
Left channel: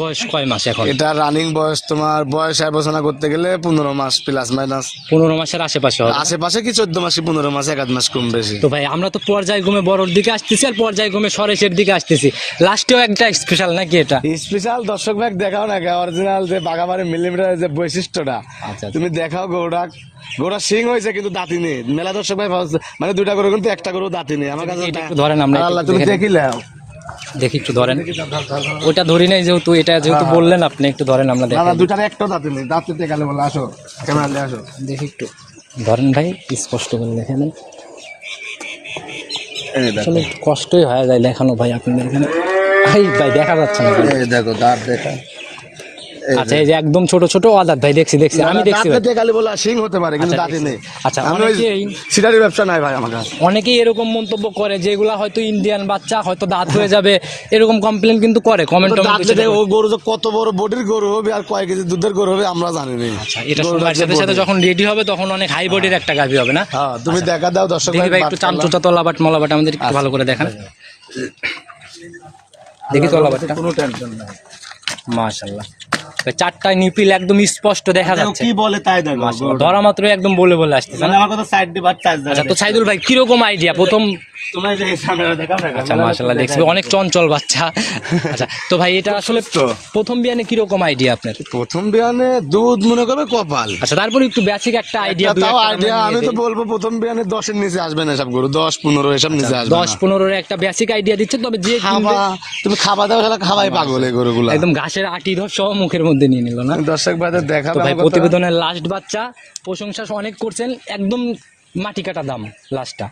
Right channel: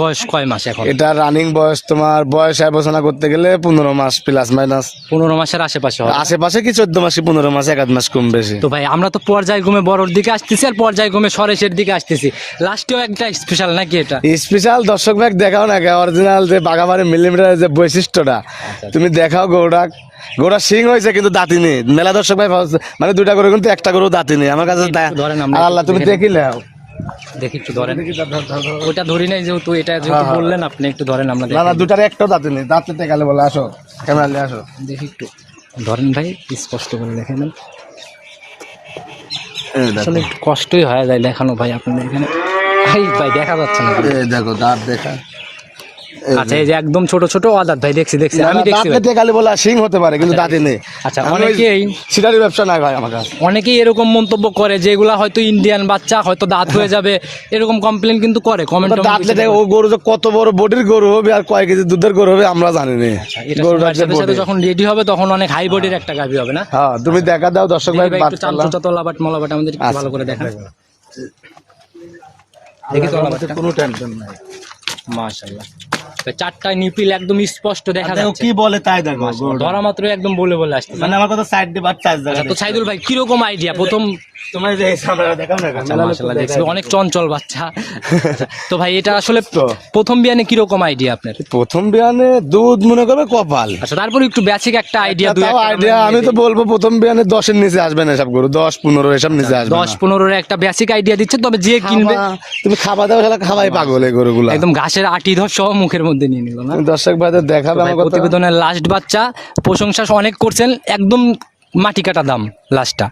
Speaker 1: বয়স কয় মাস এখন?
Speaker 2: এটা রানিং বয়স তোমার বয়স আলোচনা করতে গেলে পনেরো মাস প্লাস মাইনাস
Speaker 1: পনেরো মাসের আশেপাশে হবে।
Speaker 2: আশেপাশে কি চোদ্দ মাসে পনেরো মাসে এক আধ মাস কম বেশি।
Speaker 1: তো ভাই আমরা তো পর্যায় পর্যায়ক্রমে বড়র দিকে আসতেছি আর পর্যায় পর্যায়ক্রমে সরেশের দিকে আসতেছি। লাস্টেও একটা স্পেশাল নাকি এটা?
Speaker 2: স্পেশাল দর্শক ভাগ দেখাও না অরিজিনাল যে বাগাবাড়ি মিলিমিটার যে বৈশিষ্ট্যটা।
Speaker 1: আচ্ছা।
Speaker 2: তুমি দেখাও গৌড়া গোড়া সিং হয়েছে কিন্তু দাঁতি নেই। মেলা দর্শক ভাই মানে দুইটা করে কিন্তু একটা করে দাঁতি নেই। আমার কাছে
Speaker 1: ধরেন আমরা
Speaker 2: আল্লাহ তুমি
Speaker 1: দেখে
Speaker 2: দেখিলে
Speaker 1: দেখি একটু ধরেন। ওটা ধরি নাই যেহেতু এটা যেহেতু বললেন আপনি একটু ধরেন আমরা
Speaker 2: না দুইটার একটা দাঁতি নেই। দাঁতিতে গেলে বলে আসো। ক্যামেরা আসো
Speaker 1: দেখি একটু। ধরেন ভাই স্পষ্ট করে দেখে নেন। আসলে একটু কষ্টই হয়ে যায় দেখানো ভাই আপনাদের এখানে। ভাই দেখা যাচ্ছে না।
Speaker 2: দেখো দাঁত দেখা।
Speaker 1: আচ্ছা এই যে একদম ছোট ছোট ভাই দেখছি দেখছি। আমি দেখছি ভাই।
Speaker 2: সিং হতে পারে কিন্তু দাঁতি নেই।
Speaker 1: আচ্ছা, অনেকেই-
Speaker 2: সিটারি ব্যবসা নাই ভাই আমার
Speaker 1: অনেকেই এরকম মন্তব্য করে যেগুলা হয়তো ইন্ডিয়ান বাচ্চা হয়তো দাঁত হয়ে যাবে এরকম কমপ্লেন কিন্তু করে কমেন্ট
Speaker 2: ও গরু যে কত বড় বডির গরু হবে আর কয় কেজি দুধের গরু হবে আমরা জানি না।
Speaker 1: আচ্ছা, এটা সময়ের সাথে সাথে যখন রেডি হবে তখন অনেক হাই বডির একটা গাভি হবে না?
Speaker 2: হ্যাঁ তুমি দেখা দাও দর্শক
Speaker 1: দেখি
Speaker 2: ভাই
Speaker 1: একটু তলাবাট মলাবাট আমাদের একটু ভালো করে দেখান। দেখি তলাবাটটা
Speaker 2: কোনো টেনশন নাই।
Speaker 1: মাশাআল্লাহ। নিপিল একদম স্পষ্ট দেখা যাচ্ছে।
Speaker 2: কি বলে তাই দেখো
Speaker 1: ধরা মাত্র একদম বলে বলে আসছে
Speaker 2: মানে আমার কথা সাইড দিয়ে বাচ্চা
Speaker 1: আচ্ছা তো সাইদুল ভাই কীরকম আইডিয়া প্রথম আচ্ছা মাশাআল্লাহ দেখছি। অনেক চঞ্চল বাচ্চা। আচ্ছা তো ভাই এটা আসলে প্রথম বিয়ানে কীরকম আইডিয়া আপনার?
Speaker 2: প্রথম বিয়ানে দুধ মনে করবে কপাল।
Speaker 1: আচ্ছা তারপর একটু বেসিক একটা আইডিয়া
Speaker 2: তাও আইডিয়া আমি তো বলব প্রথম বিয়ানে দশের নিচে আসবে না সব গরু দশ পনেরো এসব নিচে আসবে
Speaker 1: দশ পনেরোর একটা বেসিক আইডিয়া দিচ্ছে তবে যে কিনবে
Speaker 2: তুমি খাবা দাও সেটা খাবাই পাগল এই গরুগুলো।
Speaker 1: একদম ঘাসের আটি ধর সহ মুখের মধ্যে নিয়ে নিল না?
Speaker 2: দর্শক ভাইদের আমার
Speaker 1: প্রতিবেদনের লাস্ট বাচ্চা প্রশংসা অনেক করছেন একদম মাটি কাটা দাম লাস্টটা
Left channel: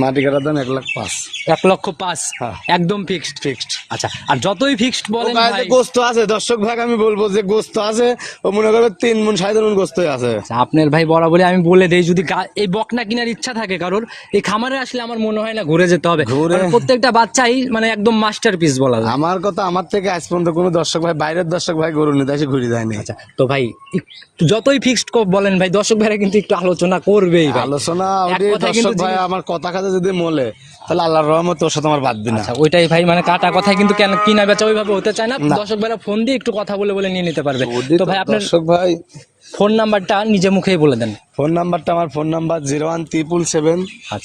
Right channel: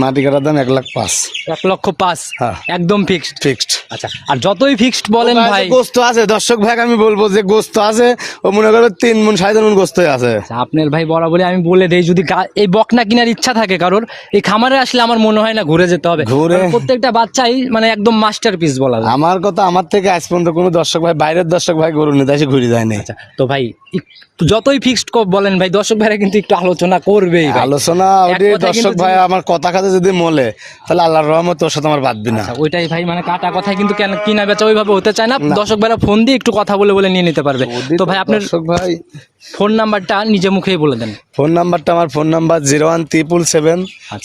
Speaker 2: মাটি কাটার দাম এক লাখ পাঁচ।
Speaker 1: এক লক্ষ পাঁচ?
Speaker 2: হ্যাঁ।
Speaker 1: একদম ফিক্সড
Speaker 2: ফিক্সড
Speaker 1: আচ্ছা আর যতই ফিক্সড বলেন ভাই
Speaker 2: গোস্ত আছে দর্শক ভাই আমি বলব যে গোস্ত আছে ও মনে করবে তিন মন সাড়ে মন গোস্ত আছে।
Speaker 1: আচ্ছা, আপনার ভাই বরাবরই আমি বলে দেই যদি গা- এই বকনা কেনার ইচ্ছা থাকে কারোর এই খামারে আসলে আমার মনে হয় না ঘুরে যেতে হবে।
Speaker 2: ঘুরে-
Speaker 1: কারণ প্রত্যেকটা বাচ্চাই মানে একদম মাস্টার পিস বলা যায়।
Speaker 2: আমার কথা আমার থেকে আজ পর্যন্ত কোনো দর্শক ভাই বাইরের দর্শক ভাই গরু নিতে এসে ঘুরে যায় না
Speaker 1: আচ্ছা তো ভাই একটু যতই ফিক্সড বলেন ভাই দর্শক ভাইরা কিন্তু একটু আলোচনা করবেই ভাই।
Speaker 2: আলোচনা দর্শক ভাই আমার কথা খাতে যদি মলে তাহলে আল্লাহর রহমত তোর সাথে আমার বাদবি না।
Speaker 1: ওইটাই ভাই মানে কাটা কথায় কিন্তু কেন কিনা বেচা ওইভাবে হতে চায় না। দর্শক ভাইরা ফোন দিয়ে একটু কথা বলে বলে নিয়ে নিতে পারবে। তো ভাই আপনার
Speaker 2: দর্শক ভাই।
Speaker 1: ফোন নাম্বারটা নিজে মুখেই বলে দেন।
Speaker 2: ফোন নাম্বারটা আমার phone number zero one triple seven.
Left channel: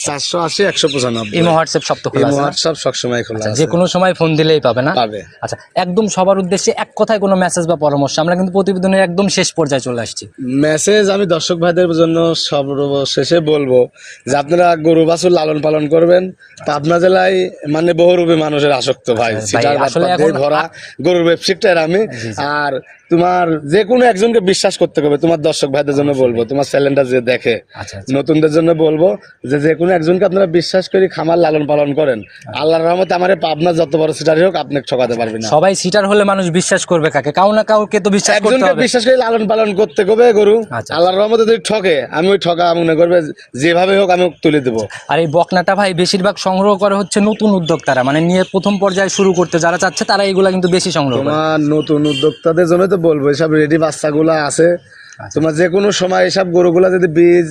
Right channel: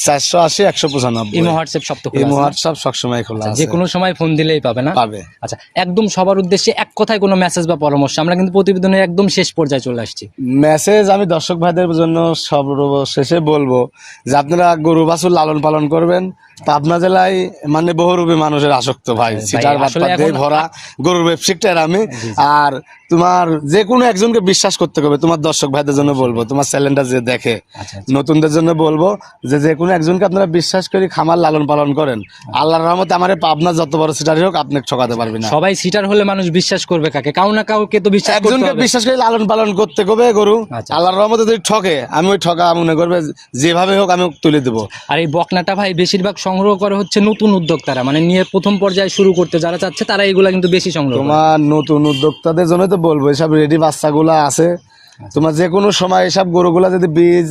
Speaker 2: চারশো আশি একশো পঁচানব্বই।
Speaker 1: ইমো হোয়াটসঅ্যাপ সব তো খোলা
Speaker 2: হোয়াটসঅ্যাপ সবসময় খোলা
Speaker 1: আচ্ছা, যে কোনো সময় ফোন দিলেই পাবে না?
Speaker 2: পাবে।
Speaker 1: আচ্ছা একদম সবার উদ্দেশ্যে এক কথায় কোনো মেসেজ বা পরামর্শ আমরা কিন্তু প্রতিবেদনের একদম শেষ পর্যায়ে চলে আসছি।
Speaker 2: মেসেজ আমি দর্শক ভাইদের জন্য সর্বশেষে বলব। যে আপনারা গরু বাছুর লালন পালন করবেন। আপনার জেলায় মানে বহুরূপী মানুষের আসক্ত ভাই।
Speaker 1: এখন-
Speaker 2: ভরা গরুর ব্যবসায়িকটার আমি। আর তোমার যে কোনো একজনকে বিশ্বাস করতে হবে তোমার দর্শক ভাইদের জন্য বলব তোমার চ্যানেলটা যে দেখে
Speaker 1: আচ্ছা
Speaker 2: নতুনদের জন্য বলব যে যে কোনো একজনকে আপনারা বিশ্বাস করে খামার লালন পালন করেন। আল্লাহর রহমতে আমার পাবনা যত বড় সিটারই হোক আপনি ঠকাতে পারবেন না।
Speaker 1: সবাই সিটার হলে মানুষ বিশ্বাস করবে কাকে? কাউ না কাউকে তো বিশ্বাস করতে
Speaker 2: একজনকে
Speaker 1: হবে।
Speaker 2: বিশ্বাস করে লালন পালন করতে হবে গরু।
Speaker 1: আচ্ছা।
Speaker 2: আল্লাহর রহমতে যদি ঠকে আমি ওই ঠকা মনে করবে যেভাবে হোক আমি তুলে দেবো।
Speaker 1: আর এই বকনাটা ভাই বেশিরভাগ সংগ্রহ করে হচ্ছে নতুন উদ্যোক্তারা মানে নিয়ে প্রথম পর্যায়ে শুরু করতে যারা চাচ্ছে তারা এগুলা কিন্তু বেশি সংগ্রহ করে।
Speaker 2: নতুন উদ্যোক্তাদের জন্য তো বলব এসব রেডি বাচ্চাগুলো আছে।
Speaker 1: আচ্ছা।
Speaker 2: তোমার যে কোনো সময় এসব গরুগুলা যদি বীজ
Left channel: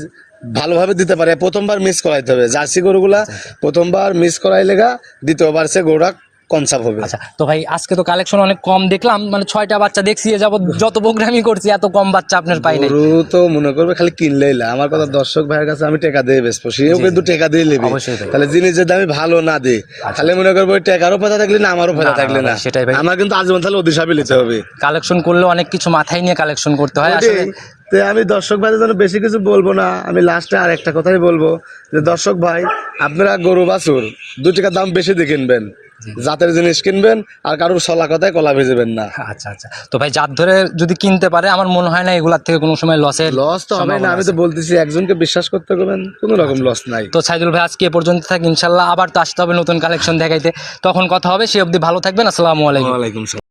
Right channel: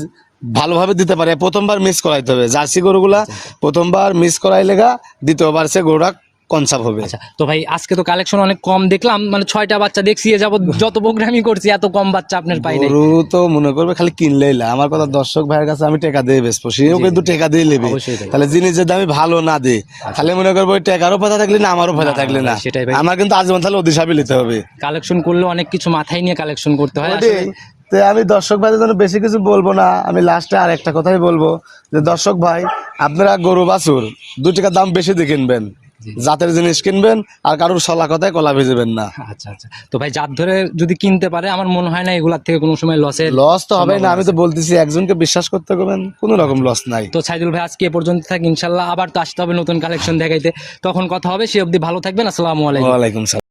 Speaker 2: ভালোভাবে দিতে পারে প্রথমবার মিস করাইতে হবে। জার্সি গরুগুলা
Speaker 1: আচ্ছা,
Speaker 2: প্রথমবার মিস করাই লেগা দ্বিতীয়বার সে গরুটা কনসাপ হবে।
Speaker 1: আচ্ছা তো ভাই আজকে তো কালেকশন অনেক কম দেখলাম মানে ছয়টা বাচ্চা দেখছি এ যাবত যত প্রোগ্রামই করছি এত কম বাচ্চা আপনার পাই নাই।
Speaker 2: গরু তো মনে করবে খালি কিনলেই না আমার কথা দর্শক ভাইয়ের কাছে আমি টাকা দিয়ে বেসবো সেও কিন্তু টাকা দিয়ে নেবে।
Speaker 1: অবশ্যই তাই।
Speaker 2: তাহলে জিনিস যদি আমি ভালো না দিই তাহলে মনে করব ওই টাকারও পয়সা থাকলে না আমারও
Speaker 1: না,
Speaker 2: থাকলে
Speaker 1: না,
Speaker 2: না।
Speaker 1: সেটাই ভাই।
Speaker 2: আমার কিন্তু আজীবন তাহলে অধিসাপে নিতে হবে।
Speaker 1: কালেকশন করলে অনেক কিছু মাথায় নিয়ে কালেকশন করতে হয় আসলে
Speaker 2: ওটাই। তো আমি দর্শক ভাইদের জন্য বেশি কিছু বলব না। আমি লাস্টে আর একটা কথাই বলব যে দর্শক ভাই আপনারা গরু বাছুর দু টাকা দাম বেশি দিয়ে কিনবেন। জাতের জিনিস কিনবেন আর কারোর সলা কথায় কলা ভেজেবেন না।
Speaker 1: আচ্ছা আচ্ছা। তো ভাই জাত ধরে যদি কিনতে পারে আমার মনে হয় না এগুলার থেকে কোনো সময় লসের
Speaker 2: লস তো হবে না আমি তো বলতেছি একজনকে বিশ্বাস করতে পারবেন কোনো রকম লস নাই।
Speaker 1: তো সাইদুল ভাই আজকে এ পর্যন্ত থাক ইনশাল্লাহ আবার তো আসতে হবে নতুন কালেকশন দেখাইতে। তখন কথা হবে সে অবধি ভালো থাকবেন আসসালামু আলাইকুম।
Speaker 2: ওয়ালাইকুম সালাম।